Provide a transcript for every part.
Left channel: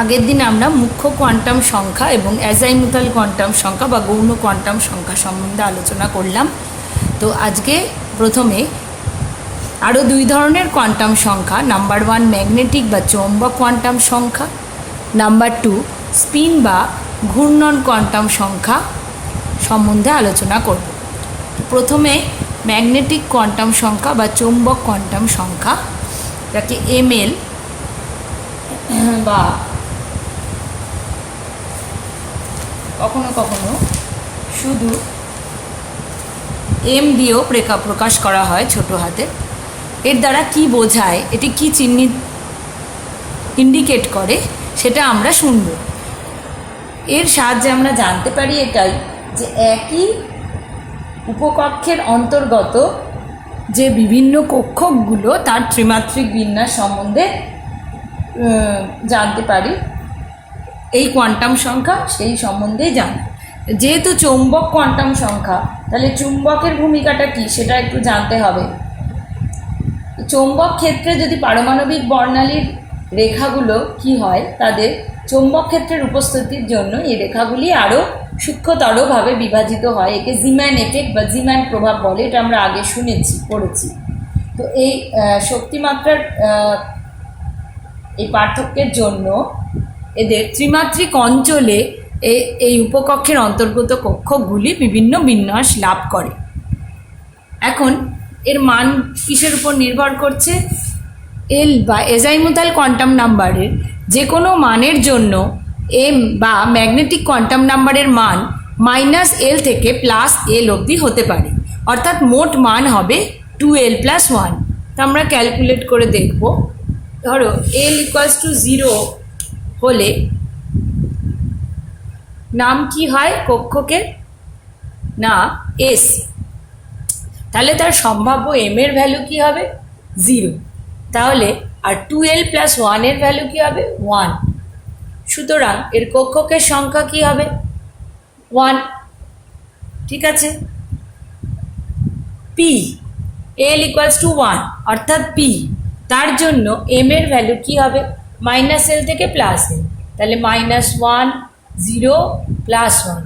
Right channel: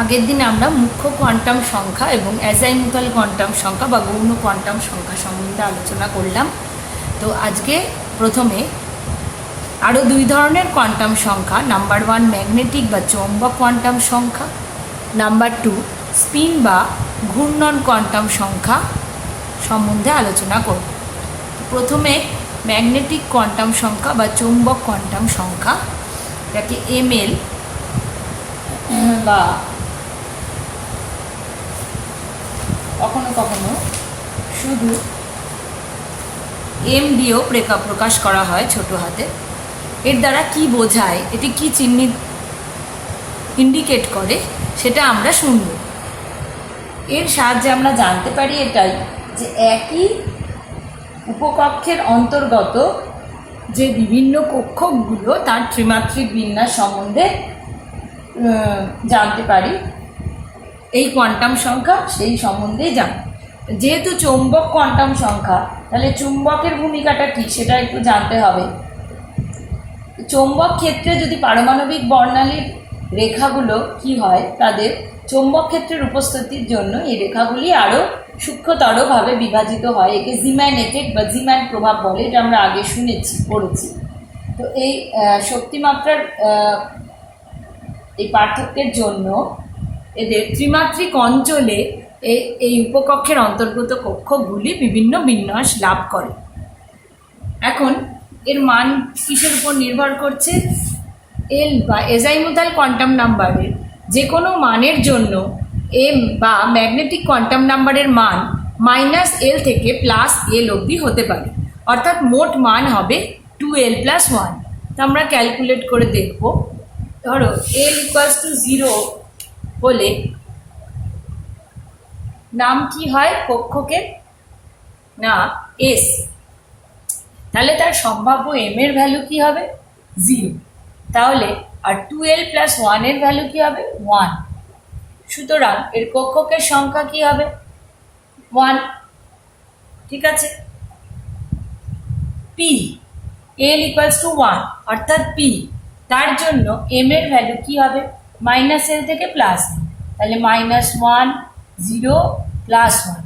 আগের দিন আমরা মুখ্য কোয়ান্টাম সংখ্যা এবং অ্যাজাইমুথাল কোয়ান্টাম সংখ্যা বা গৌণ কোয়ান্টাম সংখ্যা সম্বন্ধে আলোচনা করলাম। তো আজকে প্রথমে আরও দুই ধরনের কোয়ান্টাম সংখ্যা, নাম্বার 1 ম্যাগনেটিক বা চৌম্বক কোয়ান্টাম সংখ্যা, নাম্বার 2 স্পিন বা ঘূর্ণন কোয়ান্টাম সংখ্যা সম্বন্ধে আলোচনা করব। প্রথমে ম্যাগনেটিক কোয়ান্টাম সংখ্যা বা চৌম্বক কোয়ান্টাম সংখ্যা, যাকে এমএল বা কখনো কখনো শুধু এম দিয়েও প্রকাশ করা হয় ছোট হাতে। এর দ্বারা কি বোঝায়, এটি কি চিহ্নিত ইন্ডিকেট করে সেটা আমরা শুনব। এর সাহায্যে আমরা জানতে পারি এটাই যে একই উপকক্ষের অন্তর্গত যে বিভিন্ন কক্ষগুলো তার ত্রিমাত্রিক বিন্যাস সম্বন্ধে জানতে পারি। এই কোয়ান্টাম সংখ্যা সেই সম্বন্ধেই জানি। যেহেতু চৌম্বক কোয়ান্টাম সংখ্যা, তাহলে চুম্বকের ভূমিকাটা কী সেটা একটু জানতে হবে। চৌম্বক ক্ষেত্রে যদি পারমাণবিক বর্ণালীর রেখাগুলো কি হয়, তাদের চৌম্বক ক্ষেত্রের উপস্থিতির জন্য এই রেখাগুলি আরও সূক্ষ্মতরভাবে বিভাজিত হয়। একে জিম্যান এফেক্ট বা জিম্যান প্রভাব বলে, এটা আমরা আগে পড়েছি। তো এই শক্তিমাত্রার এই পার্থক্যের জন্য এদের ত্রিমাত্রিক অঞ্চলে এই উপকক্ষের অন্তর্গত কক্ষগুলি বিভিন্ন বিন্যাস লাভ করে। এখন এর মান কিসের উপর নির্ভর করছে? এল বা অ্যাজাইমুথাল কোয়ান্টাম নাম্বারের যে কোনো মানের জন্য এম বা ম্যাগনেটিক কোয়ান্টাম নাম্বারের মান -L থেকে +L অবধি হতে পারে, অর্থাৎ মোট মান হবে 2L + 1। তো আমরা ক্যালকুলেট করে দেখব। ধরো L = 0 হলে নাম কি হয় কক্ষকের? না এস। তাহলে তার সম্ভাব্য এম এর ভ্যালু কি হবে? 0। তাহলে আর 2L + 1 এর ভ্যালু কি হবে? 1। সুতরাং এর কক্ষকের সংখ্যা কি হবে? 1। ঠিক আছে। পি L = 1 অর্থাৎ পি, তার জন্য এম এর ভ্যালু কি হবে? -L থেকে +L। তাহলে -1 0 +1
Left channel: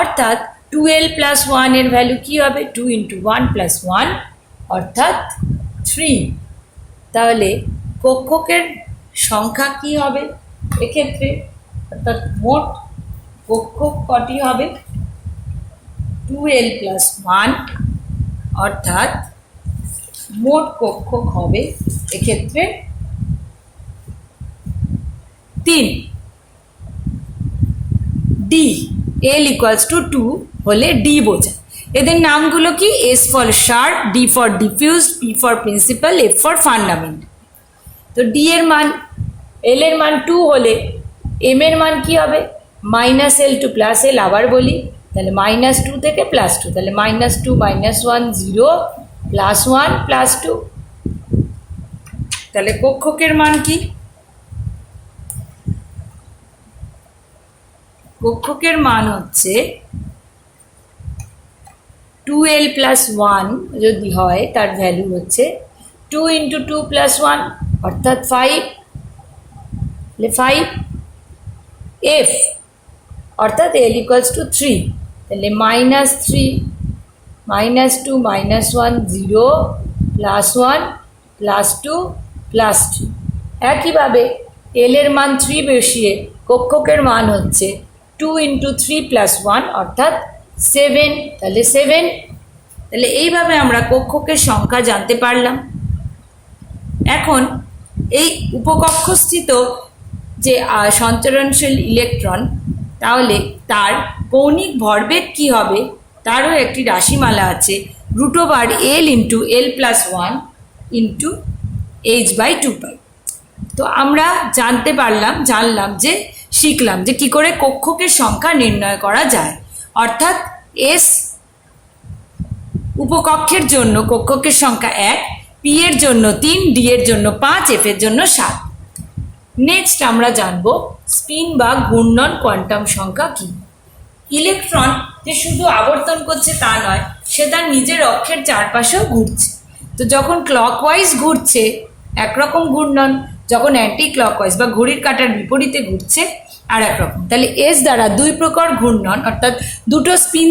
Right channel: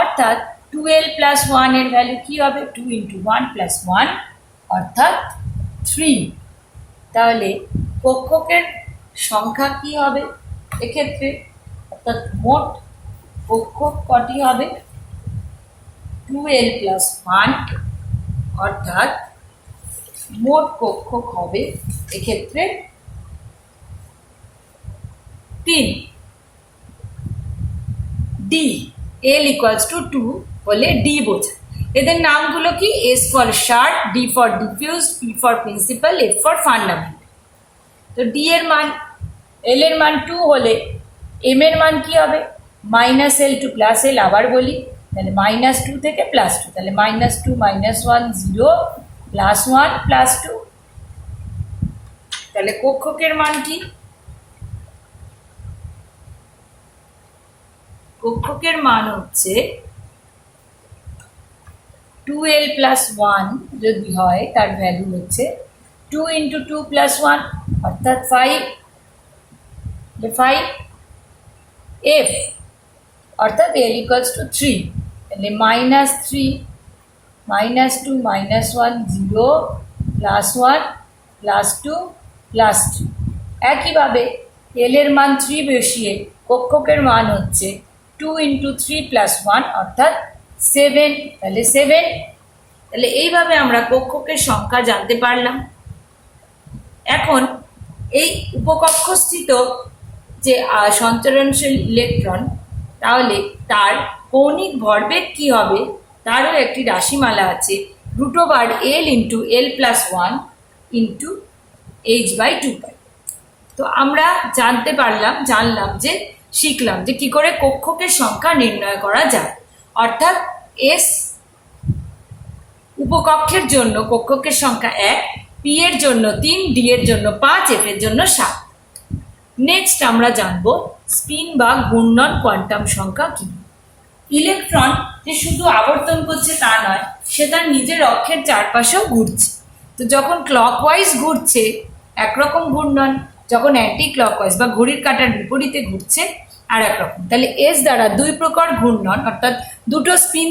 অর্থাৎ 2L + 1 এর ভ্যালু কি হবে? 2 × 1 + 1 অর্থাৎ 3। তাহলে কক্ষকের সংখ্যা কি হবে এক্ষেত্রে? অর্থাৎ মোট কক্ষক কটি হবে? 2L + 1 অর্থাৎ মোট কক্ষক হবে এক্ষেত্রে 3। ডি L = 2 হলে ডি বোঝায়। এদের নামগুলো কি? S for sharp, D for diffuse, P for principal, F for fundament. তো ডি এর মান, L এর মান 2 হলে M এর মান কি হবে? -L to +L। আবার বলি, তাহলে -2 থেকে +2, তাহলে -2 - 1 0 +1 +2। তাহলে কক্ষকের মান কি? কক্ষকের মান হচ্ছে 2L + 1 যদি হয় তার ভ্যালু হচ্ছে 2 × 2 + 1 অর্থাৎ 5। 5 F অর্থাৎ L = 3। তাহলে -3 -2 - 1 0 +1 +2 +2। একইভাবে L এর মান 3 বসিয়ে কক্ষকের মান হচ্ছে 2 × 3 + 1 অর্থাৎ 7। তাহলে 7। তাহলে এইভাবে আমরা কক্ষকের সংখ্যা জানতে পারলাম। এখন এই উপকক্ষস্থিত যে সঞ্চরণশীল ইলেকট্রন, তাহলে তার কৌণিক ভরবেগ কি হবে তারও একটি রাশিমালা আছে, √L × L + 1 × h/2π। তো আমরা জানলাম যে শিখলাম যে কি করে কক্ষকের সংখ্যা নির্ণয় করা যায়। অর্থাৎ এস উপকক্ষের জন্য কক্ষকের সংখ্যা 1, পি এর জন্য 3, ডি এর জন্য 5, এফ এর জন্য 7। নেক্সট আমরা জানব স্পিন বা ঘূর্ণন কোয়ান্টাম সংখ্যা কি। ইলেকট্রন যে শুধু আবর্তন করছে তা নয়, সে তার নিজের অক্ষের চারপাশেও ঘুরছে। তো যখন ক্লকওয়াইজ ঘুরছে একরকম ঘূর্ণন, যখন অ্যান্টি ক্লকওয়াইজ বা ঘড়ির কাঁটার বিপরীতে ঘুরছে আর এক রকম। তাহলে এস দ্বারা দুই প্রকার ঘূর্ণন অর্থাৎ দুটো স্পিন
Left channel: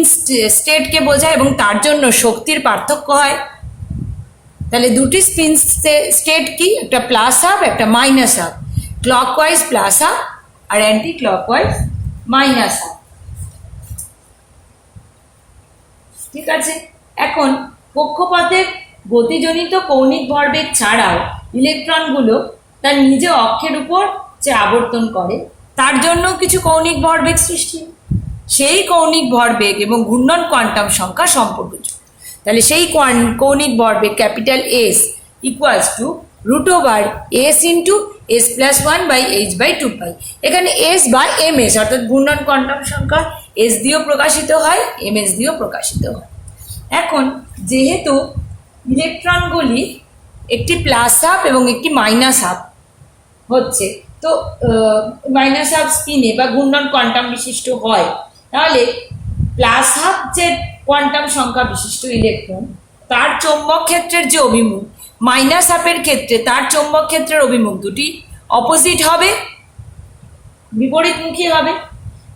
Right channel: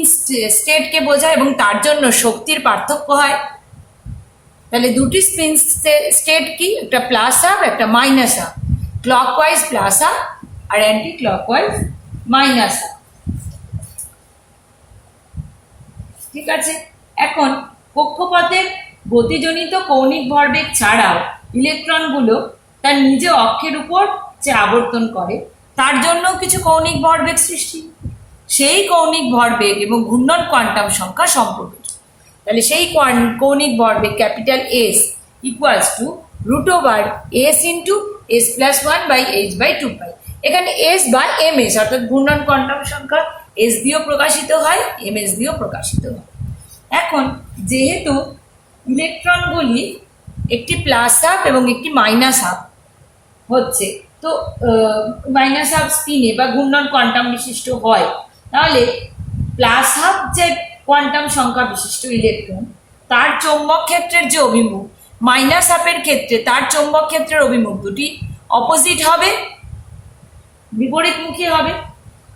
স্টেটকে বোঝায় এবং তার জন্য শক্তির পার্থক্য হয়। তাহলে দুটি স্পিন স্টেট কি, একটা প্লাস হাফ একটা minus half, clockwise plus half আর অ্যান্টি ক্লকওয়াইজ মাইনাস হাফ। ঠিক আছে, এখন কক্ষপথের গতিজনিত কৌণিক ভরবেগ ছাড়াও ইলেকট্রনগুলো তার নিজ অক্ষের উপর যে আবর্তন করে তার জন্য কিছু কৌণিক ভরবেগ সৃষ্টি, সেই কৌণিক ভরবেগ এবং ঘূর্ণন কোয়ান্টাম সংখ্যা সম্পর্কিত। তাহলে সেই কৌণিক ভরবেগ capital S equals to √/s into s+1/h/2π। এখানে এস বা এম এস অর্থাৎ ঘূর্ণন কোয়ান্টাম সংখ্যা এস দিয়েও প্রকাশিত হয়, এম এস দিয়েও প্রকাশিত হয়। এখন যেহেতু ইলেকট্রনগুলি একটি প্লাস হাফ এবং একটি মাইনাস হাফ হচ্ছে, তো মাইনাস হাফ স্পিনে বা ঘূর্ণন কোয়ান্টাম বিশিষ্ট হয়, তাহলে প্লাস হাফ যে কোয়ান্টাম সংখ্যা বিশিষ্ট ইলেকট্রন তার চৌম্বক ক্ষেত্রের যে অভিমুখ, মাইনাস হাফের ক্ষেত্রে তার চৌম্বক ক্ষেত্রের অভিমুখ দুটি অপোজিট হবে, বিপরীতমুখী হবে।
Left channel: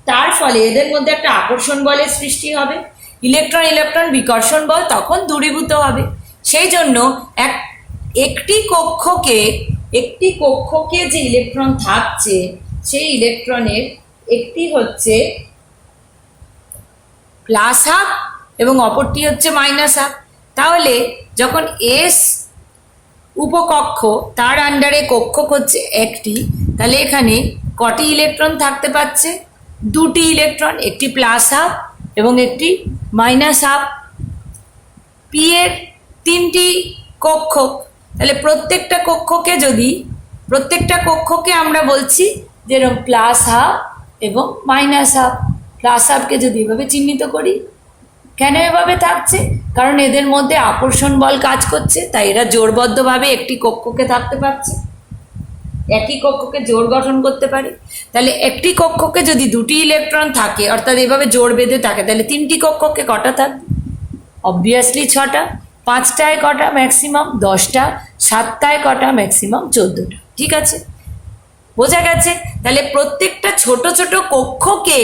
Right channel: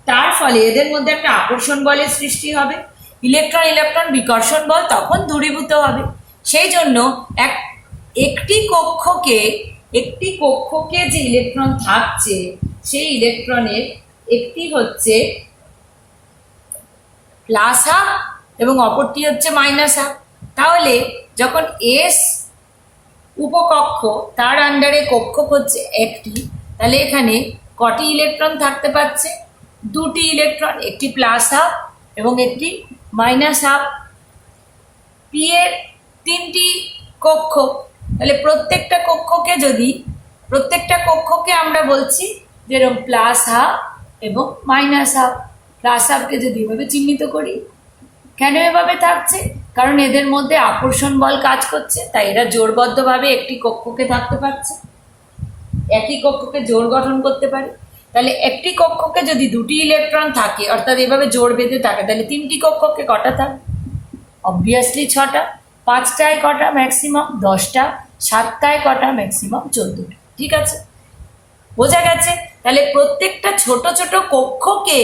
তার ফলে এদের মধ্যে একটা আকর্ষণ বলের সৃষ্টি হবে, ইলেকট্রন ইলেকট্রন বিকর্ষণ বল তখন দূরীভূত হবে। সেই জন্য একটি কক্ষকে যে ইলেকট্রন থাকছে সেই ইলেকট্রনের একটি হচ্ছে প্লাস হাফ এবং অপরটি হচ্ছে মাইনাস হাফ। তাহলে যখন এস উপকক্ষ তার আন্ডারে কক্ষক হচ্ছে একটি, তাহলে এখানে কটি ইলেকট্রন থাকতে পারছে, দুটি ইলেকট্রন, একটি প্লাস হাফ এবং একটি মাইনাস হাফ। পি এর তিনটি কক্ষক, তাহলে প্রত্যেকটা কক্ষকে আমরা বলছি যেরকম প্লাস হাফ এবং মাইনাস হাফ। প্লাস হাফকে যদি এভাবে চিহ্নিত করি, কেন এভাবে থাকছে, কারণ এদের মধ্যে আকর্ষণ বল কাজ করছে, তাই এরা জোড়বদ্ধভাবে একটি কক্ষকে থাকতে পারছে, একই কক্ষকে জোড় গঠন করতে পারে। তাহলে একটি কক্ষকে যদি দুটি ইলেকট্রন থাকে অর্থাৎ এভাবে জোড় বেঁধে থাকে, তাহলে তিনটি কক্ষকে কটা থাকবে, অবভিয়াসলি 6টা, 5টায় কটা ম্যাক্সিমাম 10টা, 7টায় কটা ম্যাক্সিমাম 14টা। ঠিক আছে, বোঝা গেছে। তাহলে প্রত্যেকটা ছোট ছোট কক্ষকে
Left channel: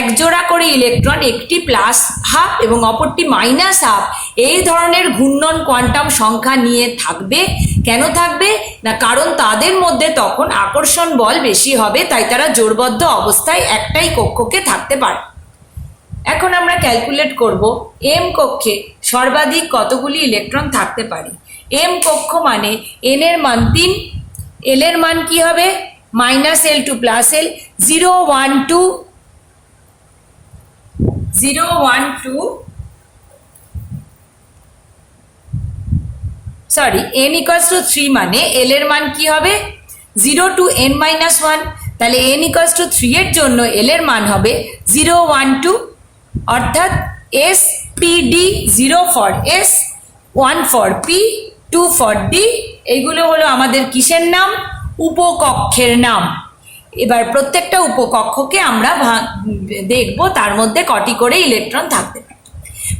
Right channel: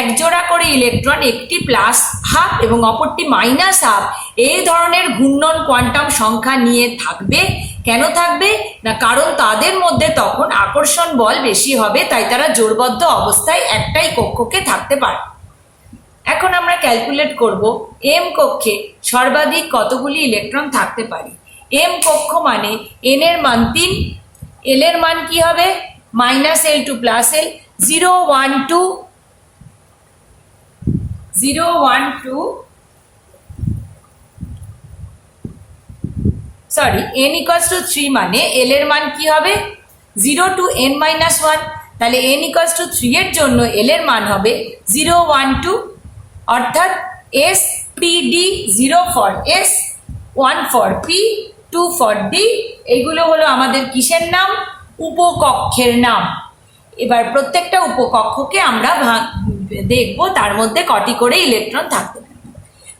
একজোড়া করে ইলেকট্রন, একটি প্লাস হাফ এবং অপরটি মাইনাস হাফ, এই ধরনের ঘূর্ণন কোয়ান্টাম সংখ্যা নিয়ে থাকবে। কেন থাকবে না, কারণ তাদের মধ্যে তখন আকর্ষণ বল বেশি হবে, তাই তারা জোড়বদ্ধ অবস্থায় একটাই কক্ষকে থাকতে পারে। এখন আমরা ক্যালকুলেট করব এম কক্ষে সর্বাধিক কতগুলি ইলেকট্রন থাকতে পারে। এম কক্ষ মানে এন এর মান 3, এল এর মান কি হবে -l to +l, 0 1 2 0 1 2 sorry n equals to 3 মানে l এর মান কি হবে 0 to n minus 1, তাহলে n equals to 3 এর জন্য l এর মান হবে 0 1 2, অর্থাৎ s p d 0 for s, 1 for p, 2 for d। এইগুলো হলো আমাদের কিসের নাম, উপকক্ষের নাম। এবার প্রত্যেকটা উপকক্ষকে আমরা দেখব তার মধ্যে কটি করে ইলেকট্রন থাকতে পারে।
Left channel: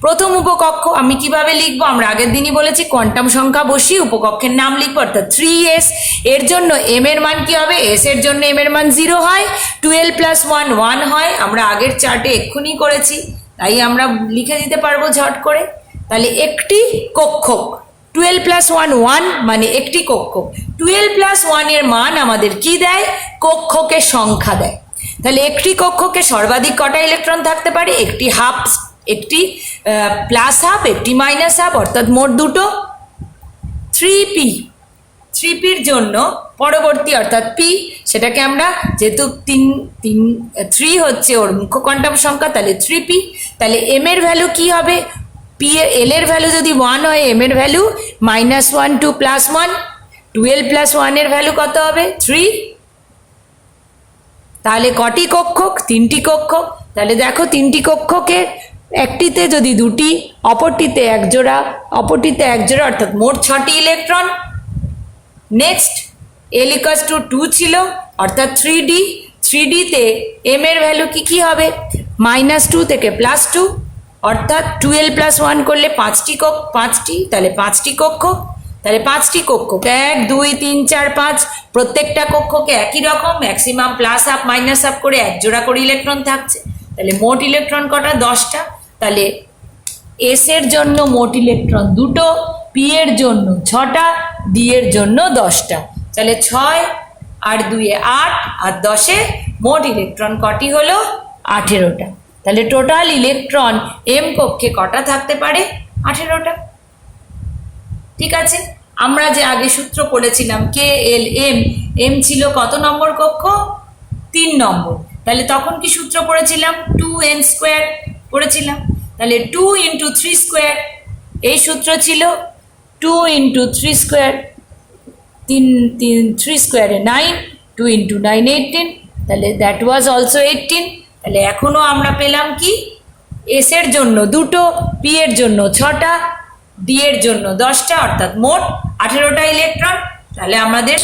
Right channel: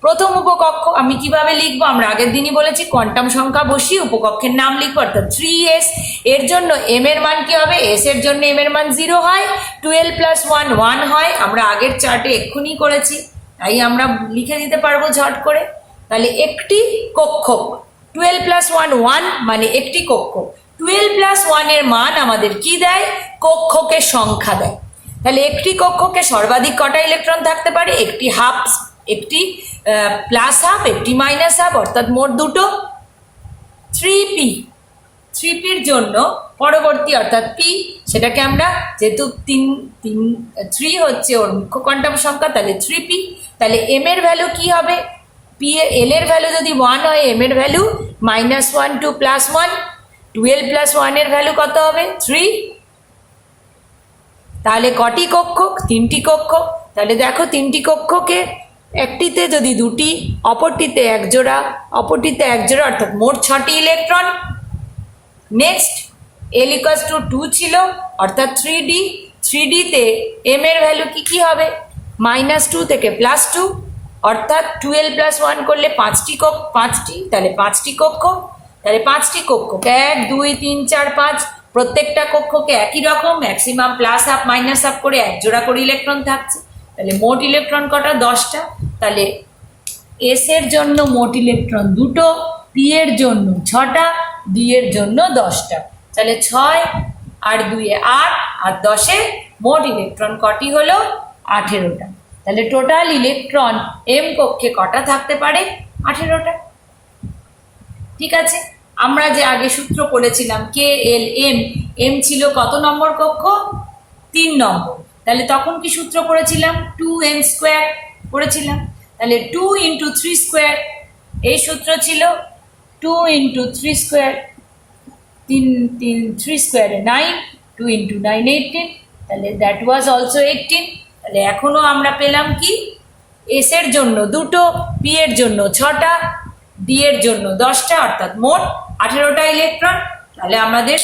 প্রথম উপকক্ষ আমি কিভাবে লিখবো, আমরা আগের দিনই বলেছি কোয়ান্টাম সংখ্যা বসিয়ে উপকক্ষের নাম লিখবো, অর্থাৎ 3s। এর জন্য m এর মান কি হবে, s এর জন্য m এর মান 0 হয়, 12 + 1 1 হয়, আমরা আগের চার্টে এক্ষুনি করেছি, তাই আমরা লিখে দিতে পারবো ঝট করে। তাহলে একটি কক্ষক 12 + 1 1 মানে একটি কক্ষক। 12 + 1 এর মান আমাদের কি দেয়, কক্ষকের সংখ্যা দেয়। তাহলে একটি কক্ষকে সর্বাধিক কটা ইলেকট্রন থাকতে পারে, একটি হাফ, একটি প্লাস হাফ, একটি মাইনাস হাফ, অর্থাৎ মোট দুটো। 3pর জন্য পরবর্তী অর্থাৎ p, সেটাকে আমরা যেহেতু 3 হচ্ছে ওর মুখ্য কোয়ান্টাম সংখ্যা, তাহলে 3p। তাহলে m এর ভ্যালু কি হবে, p এর l এর ভ্যালু যদি 1 হয়, m এর ভ্যালু -1 2 +1, 12 + 1 এর ভ্যালু কত হবে 3। তাহলে কটি কক্ষক, 3টি কক্ষক। তাহলে দেখো 3টি কক্ষকে একটিতে যদি দুটি, অপরটিতে এক জোড়া, অপরটিতে এক জোড়া, অর্থাৎ মোট 6টি ইলেকট্রন। নেক্সট l = 2 ছিল, অর্থাৎ 3d। 3dতে m এর ভ্যালু কি হবে, -2 থেকে +2, অর্থাৎ 12 + 1 করলে 5টি, তাহলে 5টি কক্ষক। তাহলে 5টি কক্ষক 1 2 3 4 5, প্রত্যেকটা কক্ষকে একই রকম maximum plus half minus half করে 1 জোড়া করে ইলেকট্রন থাকছে। তাহলে মোট ইলেকট্রন কটা? 10টা। তাহলে এস এর জন্য মোট ইলেকট্রন 2টো, পি এর জন্য 6টা, ডি এর জন্য 10টা। তাহলে 6 আর 2 8 আর 10 মোট ইলেকট্রন কটি হলো? 18টা। তাহলে টোটাল ইলেকট্রন এম কক্ষে কটা থাকতে পারে? 18টা। ঠিক আছে, আমরা যে আগে সূত্র পড়েছিলাম কে এল এম, এম ছিল কত নম্বর কক্ষ? 3 নম্বর। তাহলে তখন কি সূত্র পড়েছিলাম? 2n স্কোয়ার পড়েছিলাম। তাহলে 2 ইন্টু 3 স্কোয়ার, এই সূত্র ছিল 2 ইন্টু 3 স্কোয়ার, 3 স্কোয়ারে 9, 2 ইন্টু 9 18, তাহলে দ্যাট ওয়াজ অলসো 18। তাহলে এখনো আমরা পেলাম কি? এস এর জন্য 2টো, পি এর জন্য 6টা, ডি এর জন্য 10টা, অর্থাৎ মোট 18টা ইলেকট্রন। তাহলে আমাদের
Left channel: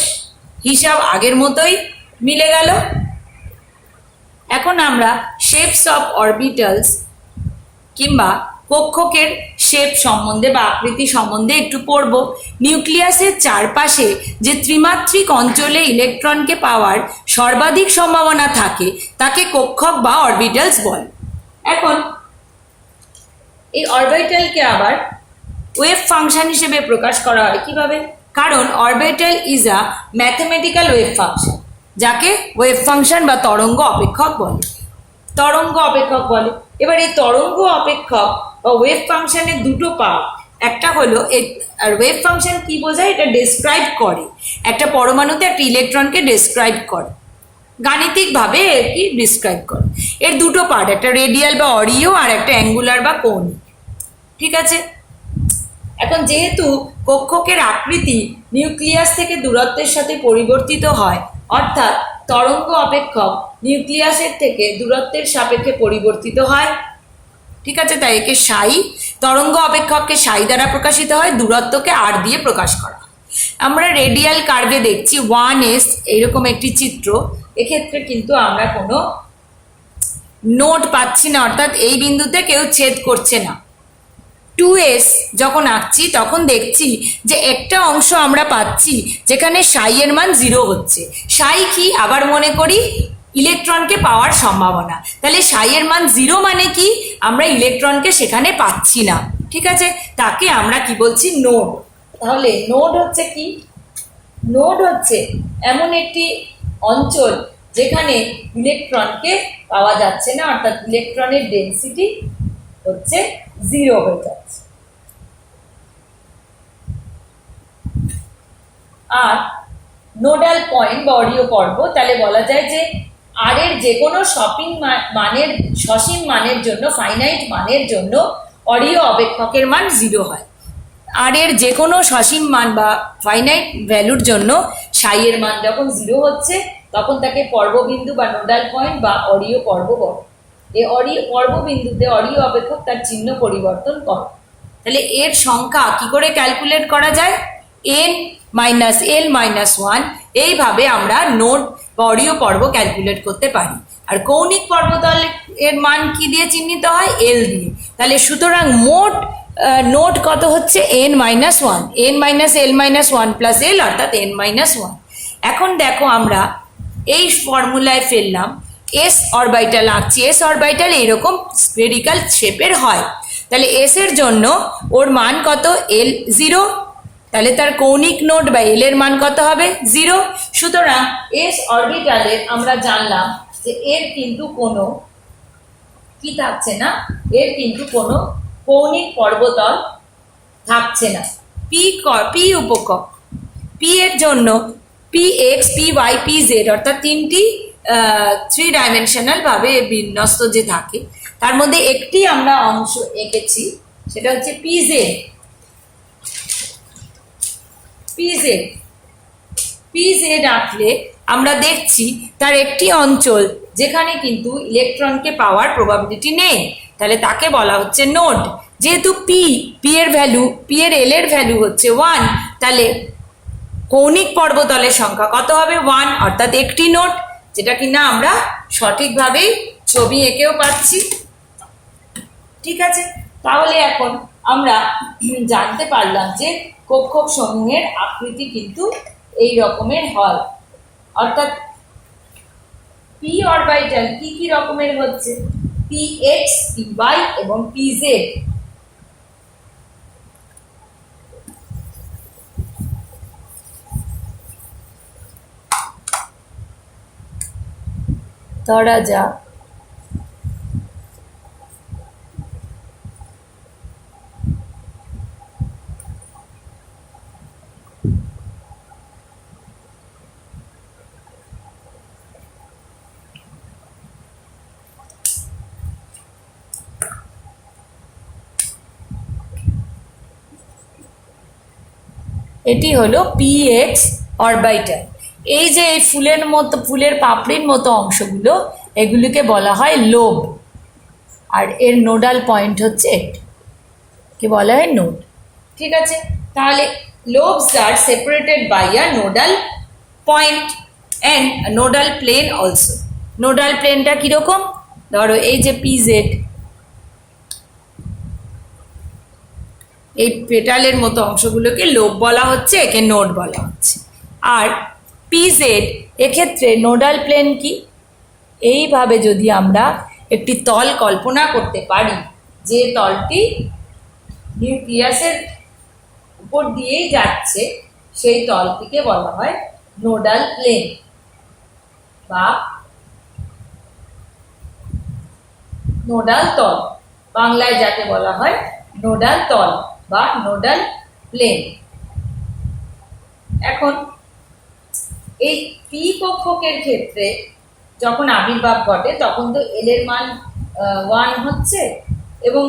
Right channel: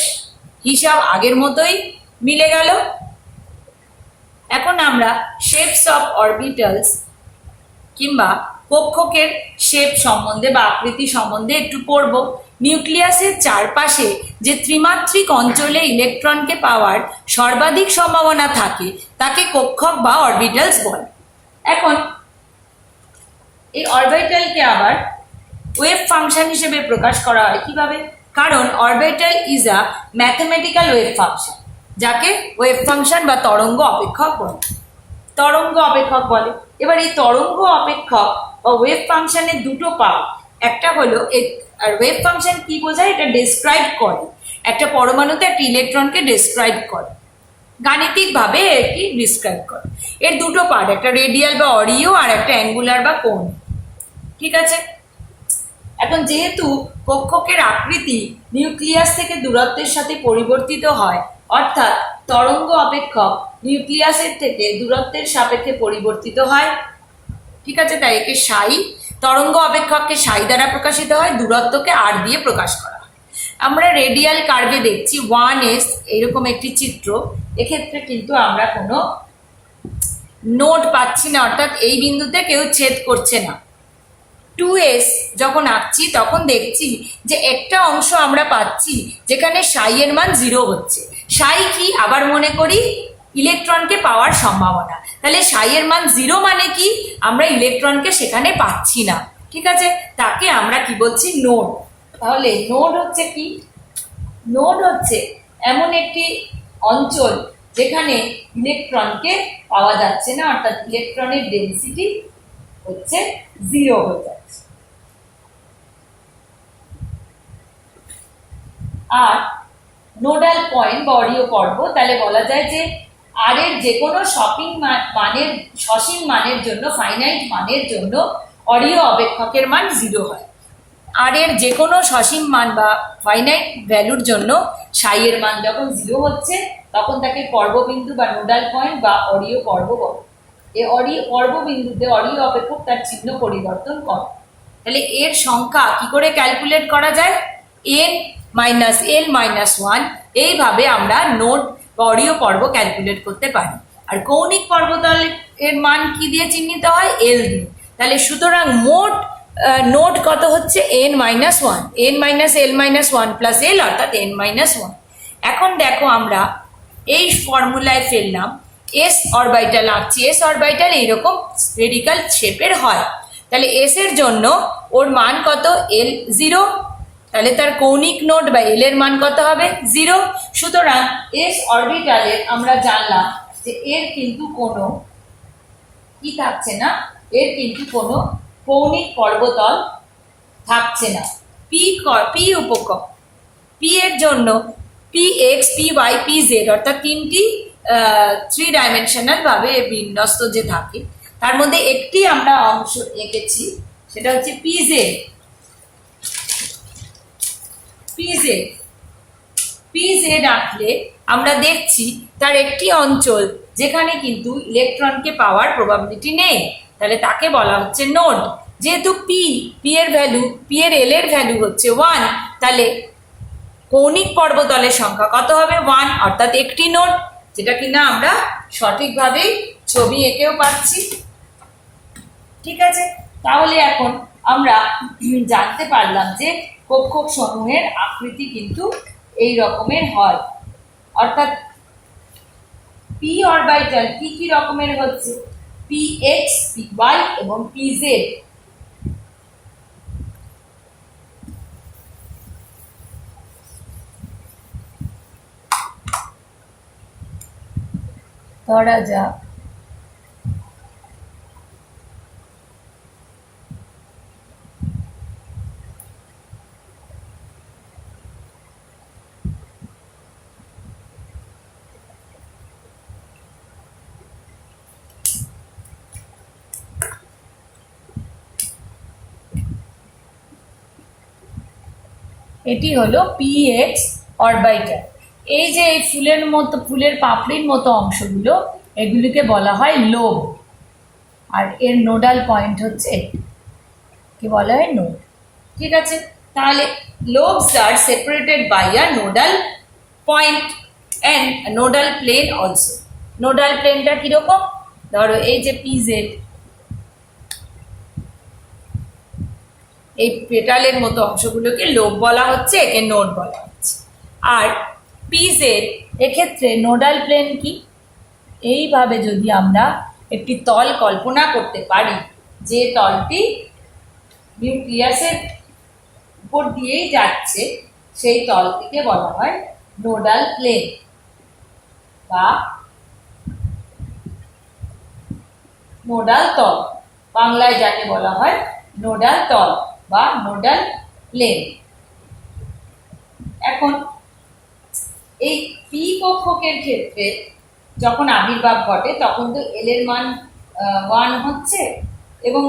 হিসাব আগের মতোই মিলে গেল। এখন আমরা শেপস অফ অরবিটালস কিংবা কক্ষকের শেপ সম্বন্ধে বা আকৃতি সম্বন্ধে একটু পড়ব। নিউক্লিয়াসের চারপাশে যে ত্রিমাত্রিক অঞ্চলে ইলেকট্রনকে পাওয়ার সর্বাধিক সম্ভাবনা থাকে তাকে কক্ষক বা অরবিটালস বলে। এখন এই অরবিটালকে আবার ওয়েভ ফাংশন হিসেবে প্রকাশ করা হয়। কিভাবে? কারণ orbital is a mathematical wave function, যাকে ওয়েভ ফাংশন বা তরঙ্গ অপেক্ষক বলে। তরঙ্গ অপেক্ষক বলে। এবার এই তরঙ্গ অপেক্ষক বা ওয়েভ ফাংশনের 2টো পার্ট। একটা হলো আর ওয়েভ ফাংশন কি বোঝায়? এটা ডেসক্রাইব করে, একটা পরমাণুতে একটা ইলেকট্রনকে ডেসক্রাইব করে, গাণিতিকভাবে কি ডিসক্রাইব করে। এর 2টো পার্ট, একটা রেডিয়াল বা অরিও আর একটা অ্যাঙ্গুলার বা কৌণিক। ঠিক আছে, এখন যেহেতু কক্ষকের আকৃতি নিউক্লিয়াস থেকে দূরত্বের সাথে পরিবর্তিত হয়, অর্থাৎ তরঙ্গ অপেক্ষক নিউক্লিয়াসের থেকে দূরত্বের সাপেক্ষে পরিবর্তিত হয়। ঠিক আছে, তাই একে সাই, তরঙ্গ অপেক্ষককে সাই দ্বারা প্রকাশিত হয়, দূরত্বকে আর দিয়ে প্রকাশ করা হয়। আমরা রেডিয়াল কার্ভে দেখছি 1s এরকম একটি চিত্র। এক্ষেত্রে কিন্তু আমরা কোনো নোট পাচ্ছি না, অর্থাৎ এই বিন্দুতে কেউ ছেদ করছে না। 2s যখন আঁকছি তখন দেখছি যে একটা অংশ আমরা পাচ্ছি যেখানে সাই এর মান 0 হচ্ছে। সাই কি? আবার মনে করি ইলেকট্রনকে পাওয়ার সম্ভাবনা। তাহলে সাই এর মান 0 মানে কি? আমরা ইলেকট্রনকে সেখানে পাচ্ছি না। ঠিক আছে, তাকে আমরা কি বলছি? নোড। তাহলে নোড হচ্ছে কি? নোড হচ্ছে এমন একটি অঞ্চল যেখানে ইলেকট্রনকে পাওয়া যাচ্ছে না, অর্থাৎ ইলেকট্রনের ডেনসিটি হচ্ছে 0 হয়ে যাচ্ছে। আর নোডাল পয়েন্ট বা অরিয় পর্ব, তাহলে বলা যায় যে আর এর যে কোনো সসীম মানের জন্য, ফাইনাইট মানের জন্য অরিয় অপেক্ষকের মান 0 হয়। আর এর যে কোনো সসীম মান বা ফাইনাইট ভ্যালুর জন্য সাই এর মান যখন 0 হচ্ছে তখন তাকে পর্ববিন্দু বা নোডাল পয়েন্ট বা অরিয় পর্ব বলে। এই পর্ববিন্দুতে অরিয় অপেক্ষক তার চিহ্ন পরিবর্তন করে। তাহলে এর সংখ্যা কি করে ক্যালকুলেট করা যায়? n মাইনাস এল মাইনাস 1, এইভাবে আমরা নোড বা অরিয় পর্ব ক্যালকুলেট করতে পারি। আর কৌণিক পর্বতল এর মান কি দিয়ে চিহ্নিত হয়? এল দিয়ে। তাহলে সুতরাং মোট নোট কত হচ্ছে? n minus 1, n minus L minus 1 plus L, অর্থাৎ n মাইনাস 1। এখন দেখো আমরা এই ফর্মুলায় ফেললাম, এস অরবিটাল আঁকছি। এস অরবিটাল এইরকম স্ফেরিক্যাল শেপের হয়। তাহলে এস এর জন্য ওর মান কত? এল 0। তাহলে তার কৌণিক নোট বা এল এর মান কত হবে? 0। সুতরাং এস অরবিটালের আমরা জানলাম যে এর কিন্তু কোনো কি থাকছে না, এর কিন্তু কোনো কৌণিক পর্বতল থাকছে না। পি উপকক, পি এর জন্য P X, P Y, P Z, অর্থাৎ 3টি 3 ডাইমেনশনাল ভাবে বিন্যস্ত যে থাকে, তার মধ্যে একটি আমরা অংশ এঁকেছি, সেটা হচ্ছে পি জেড। পি জেড আঁকলে আমরা দেখছি তার একটি অঞ্চল যেখানে কিন্তু ইলেকট্রনকে পাওয়ার প্রবাবিলিটি নেই, তাহলে তাকে বলা হচ্ছে নোড। যেহেতু পি এর ভ্যালু, পি এর এল এর ভ্যালু হচ্ছে 1, তাহলে কৌণিক পর্বতলের সংখ্যা কত হবে? 1, অর্থাৎ একটি নোড, যেটা কিনা আমরা সঠিকভাবেই ছবি এঁকেও পাচ্ছি। ঠিক আছে, তাহলে এখন আমরা জানতে পারলাম যে কক্ষক সমূহের আকৃতি কিন্তু এই রকমের হয়। অর্থাৎ পি অরবিটাল কি কি রকমের হচ্ছে, পি এক্স, পি ওয়াই এবং পি জেড। ধরা যাক এটি হলো পি এক্স অরবিটাল। এই যে এই ফুলের মতো, ফুলের পাপড়ির মতো অংশগুলো, এগুলিকে বলা হয় লোব। আর এর নোডাল পয়েন্ট হচ্ছে একটি, কি বলা হয় নোড। ঠিক আছে, তাহলে lobes are separated by a nodal point and nodal plane also. Nodal প্লেনটা কিরকম, ধরো এই যে পি জেড, এই পেটালের মতো অংশগুলোকে লোব বলা হচ্ছে, একে নোড বলা হচ্ছে। আর পি জেড এক্ষেত্রে নোডাল প্লেন কি, এইভাবে যদি আমরা একটি তল কল্পনা করতে পারি, যে তলটি নিউক্লিয়াসের উপর দিয়েই যাচ্ছে, সেই তলটিকে বলা হয় নোডাল প্লেন বা নোডাল তল, বাংলায় যাকে বলা হয় নোডাল তল বা নোডাল প্লেন। এখন এই পি কক্ষকের ক্ষেত্রে যখন আবির্ভাব ঘটে তখন তো এল এর মান 1 হচ্ছে, এবং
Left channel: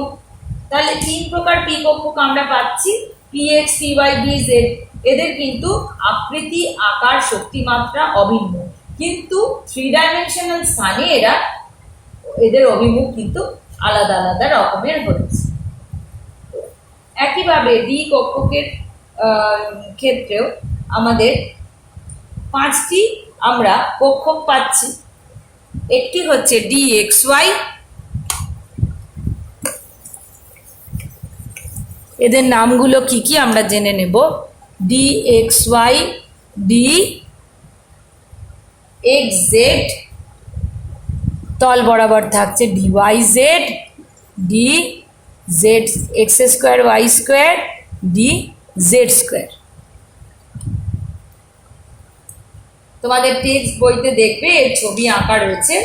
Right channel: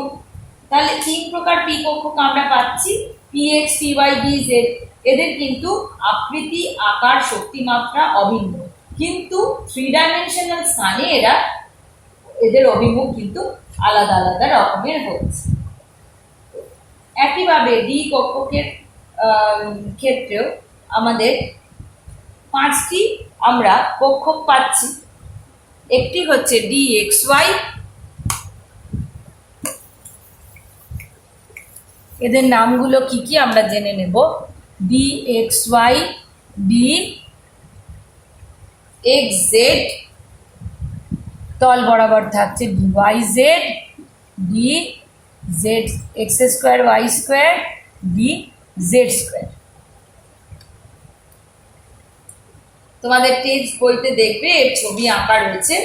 তাহলে 3 প্রকার পি কক্ষক আমরা পাচ্ছি, P X, P Y, B Z. এদের কিন্তু আকৃতি, আকার, শক্তিমাত্রা অভিন্ন, কিন্তু 3 ডাইমেনশনাল স্থানে এদের অভিমুখ কিন্তু আলাদা আলাদা রকমের হচ্ছে। একইভাবে ডি কক্ষকের ক্ষেত্রেও আমাদের 5টি আমরা কক্ষক পাচ্ছি। একটি হচ্ছে ডি এক্স ওয়াই, এদের নামগুলো কি কি আমরা জেনে নেব। D x y, d x z, তল বরাবর থাকছে d y z, d z x square y square, d z square. তোমাদের টেক্সট বইতে দেখবে এর ছবি আঁকা রয়েছে।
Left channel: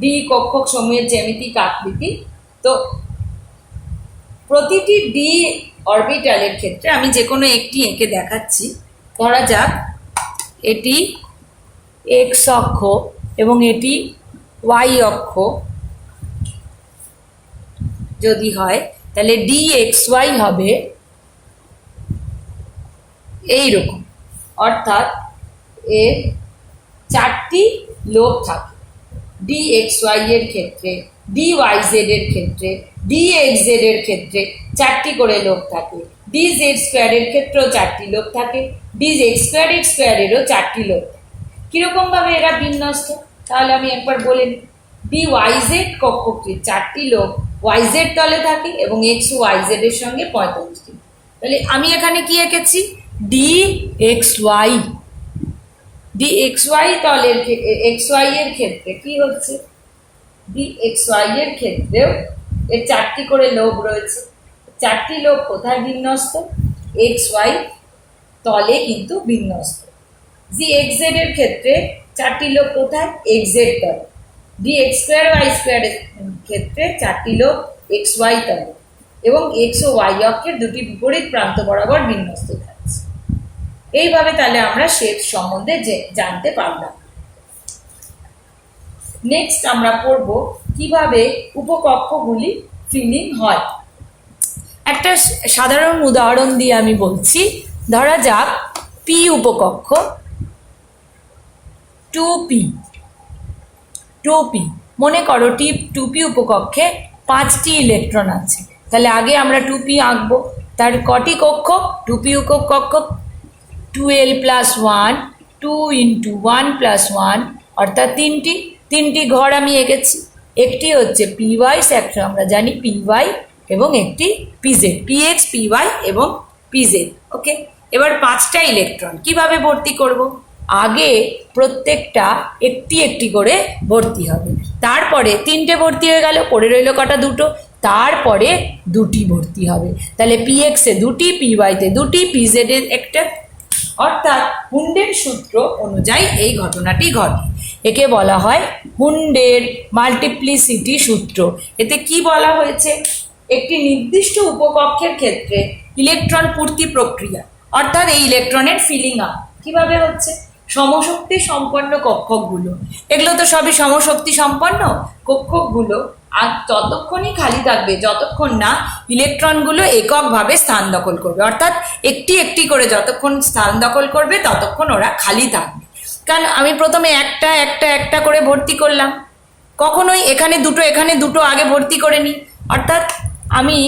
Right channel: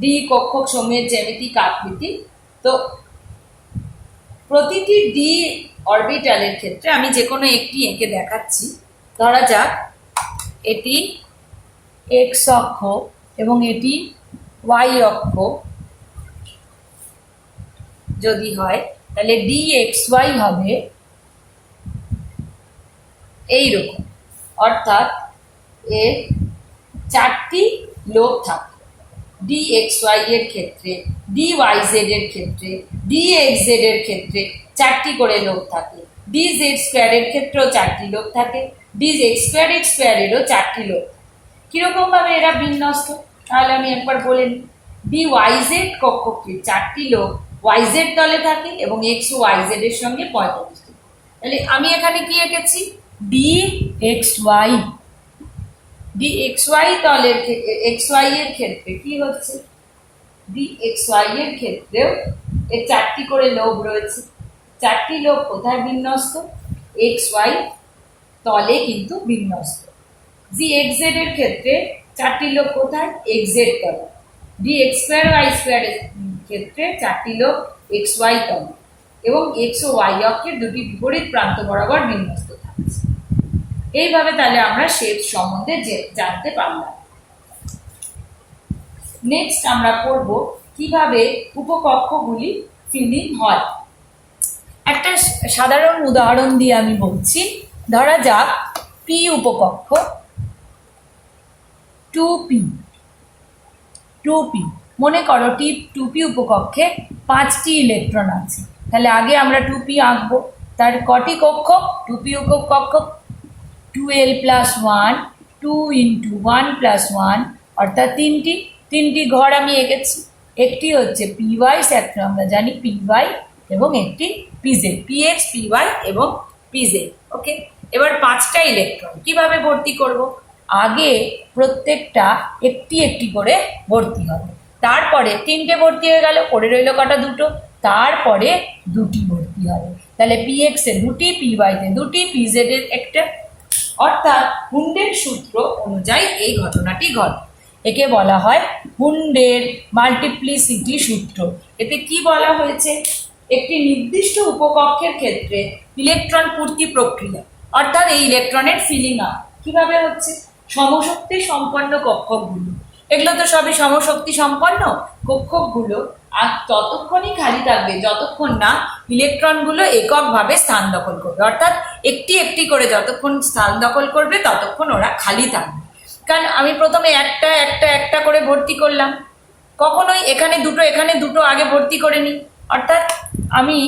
ডি কক্ষক সমূহের জ্যামিতিক আকৃতি। তো প্রতিটি ডি অরবিটালের ক্ষেত্রে আমি যে কোনো একটি এঁকে দেখাচ্ছি। ধরা যাক এটি এক্স অক্ষ এবং এটি ওয়াই অক্ষ যদি হয়, তাহলে ডি এক্স ওয়াই হবে এইরকম, অর্থাৎ এর 4টি লোব থাকে। ডি এক্স ওয়াই এর ক্ষেত্রে, ডি ওয়াই জেড এর ক্ষেত্রে, ডি এক্স জেড এর ক্ষেত্রে 4টি করে লোব থাকে, ডি জেড স্কোয়ারের ক্ষেত্রেও 4টি লোব থাকে, ডি এক্স স্কোয়ারেরও 4টি লোব। কিরকম ভাবে এরা বিন্যস্ত, তাহলে আমি একবার বলে নিই। ডি ওয়াই জেড কক্ষকটির 4টি লোব ওয়াই জেড তলে থাকে এবং এক্স ও ওয়াই জেড এর সঙ্গে 45টি। তাহলে আমি এখানে কি এঁকেছি, d x y. D x y তলের এক্স ওয়াই এর ক্ষেত্রে কি হচ্ছে, ডি এক্স ওয়াই এর ক্ষেত্রেও এর 4টি করে লোব রয়েছে। 4টি লোব কোথায় বিন্যস্ত, এক্স ওয়াই তলে কিন্তু বিন্যস্ত। জি এক্স জেড এর ক্ষেত্রে 4টি লোব কোথায়, এক্স জেড তলে। ডি এক্স স্কোয়ার ওয়াই স্কোয়ারের ক্ষেত্রে 4টি লোব এক্স ওয়াই তলে এবং এক্স ও ওয়াই অক্ষের দুটি বিপরীত প্রান্ত বরাবর বিন্যস্ত থাকছে। এইভাবে তাহলে আমরা শেপ সম্বন্ধে জানতে পারলাম। নেক্সট আমরা পড়ব কিভাবে উপকক্ষগুলি ফিলিং হয়। একটা সাধারণ উদাহরণ দিয়ে আমি বলছি। ধরা যাক পি উপকক্ষ 2p। মনে করো 2p উপকক্ষে 5টি ইলেকট্রন আছে। তাহলে আগে আমরা 2p আঁকবো। তার কটি কক্ষক, 2p উপকক্ষক 2l + 1, 2 × 1 + 1, অর্থাৎ 3টি ঘর আমি এঁকেছি। একটি হচ্ছে পি ওয়াই, একটা আমরা জানি পি ওয়াই, এবং একটি পিজেড, পিএক্স, পিওয়াই এবং পিজেড। ওকে, এবার 5টা ইলেকট্রন কিভাবে ভর্তি করব? আগে প্রত্যেকটা একটি একটি করে ভর্তি হবে, তারপরে 3টে ভর্তি হয়ে গেল, পড়ে রইল কটা? 2টো। তারপরে 2টি ভর্তি হবে, তাহলে পিএক্সে 2টি, পিওয়াইতে 2টি, পিজেডে একটা। অর্থাৎ হুন্ডের সূত্র অনুযায়ী এই ঘটনাটি ঘটে। একে বলা হয় হুন্ডের মাল্টিপ্লিসিটি সূত্র। এতে কি বলা হয়েছে? একটি নির্দিষ্ট উপকক্ষের ক্ষেত্রে ইলেকট্রন পূর্তি প্রক্রিয়া, অর্থাৎ এই ইলেকট্রনের ফিলিং আপ কিভাবে হচ্ছে? সমশক্তি সম্পন্ন কক্ষকগুলো, এগুলো তো সবই সমশক্তি সম্পন্ন কক্ষকগুলো, আর ততক্ষণই খালি থাকবে যতক্ষণ না ইলেকট্রনগুলো এককভাবে স্থান দখল করবে, অর্থাৎ একটি একটি করে যতক্ষণ স্থান দখল করবে ততক্ষণ ওরা খালি থাকবে। কারণ আমি প্রথমে একটা একটা একটা করে ভর্তি করলাম, কখনোই এখানে 2টো এখানে 2টো আগে ভর্তি করে নিই। অর্থাৎ আমি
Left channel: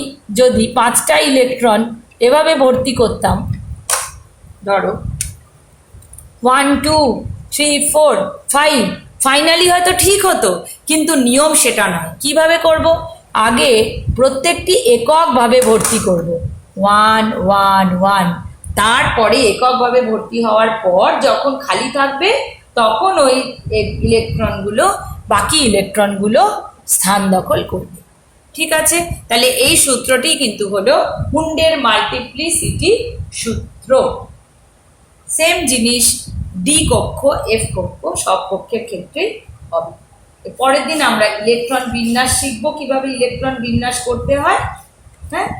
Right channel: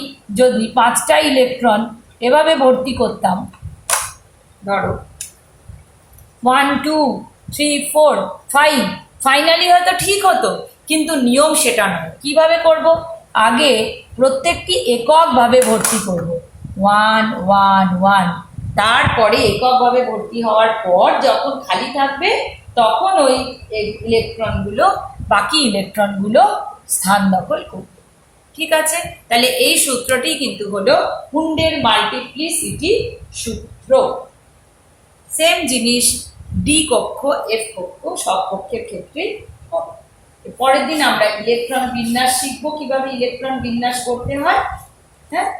যদি 5টা ইলেকট্রন এভাবে ভর্তি করতাম, ধরো 1 2 3 4 5, ফাইনালি হয়তো ঠিক হতো, কিন্তু নিয়ম সেটা নয়। কিভাবে করব? আগে প্রত্যেকটি এককভাবে ভর্তি করব, 1 1 1, তারপরে এককভাবে ভর্তি হওয়ার পর যখন খালি থাকবে তখন ওই ইলেকট্রনগুলো, বাকি ইলেকট্রনগুলো স্থান দখল করবে। ঠিক আছে, তাহলে এই সূত্রটি কিন্তু হলো হুন্ডের মাল্টিপ্লিসিটি সূত্র। সেম জিনিস ডি কক্ষ, এফ কক্ষ, সব কক্ষের ক্ষেত্রেই হবে। পরের দিন আমরা ইলেকট্রন বিন্যাস শিখবো, কিভাবে ইলেকট্রন বিন্যাস করতে হয়। হ্যাঁ,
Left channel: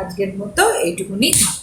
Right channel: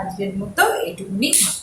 আজকের মতো এইটুকুনি থাক।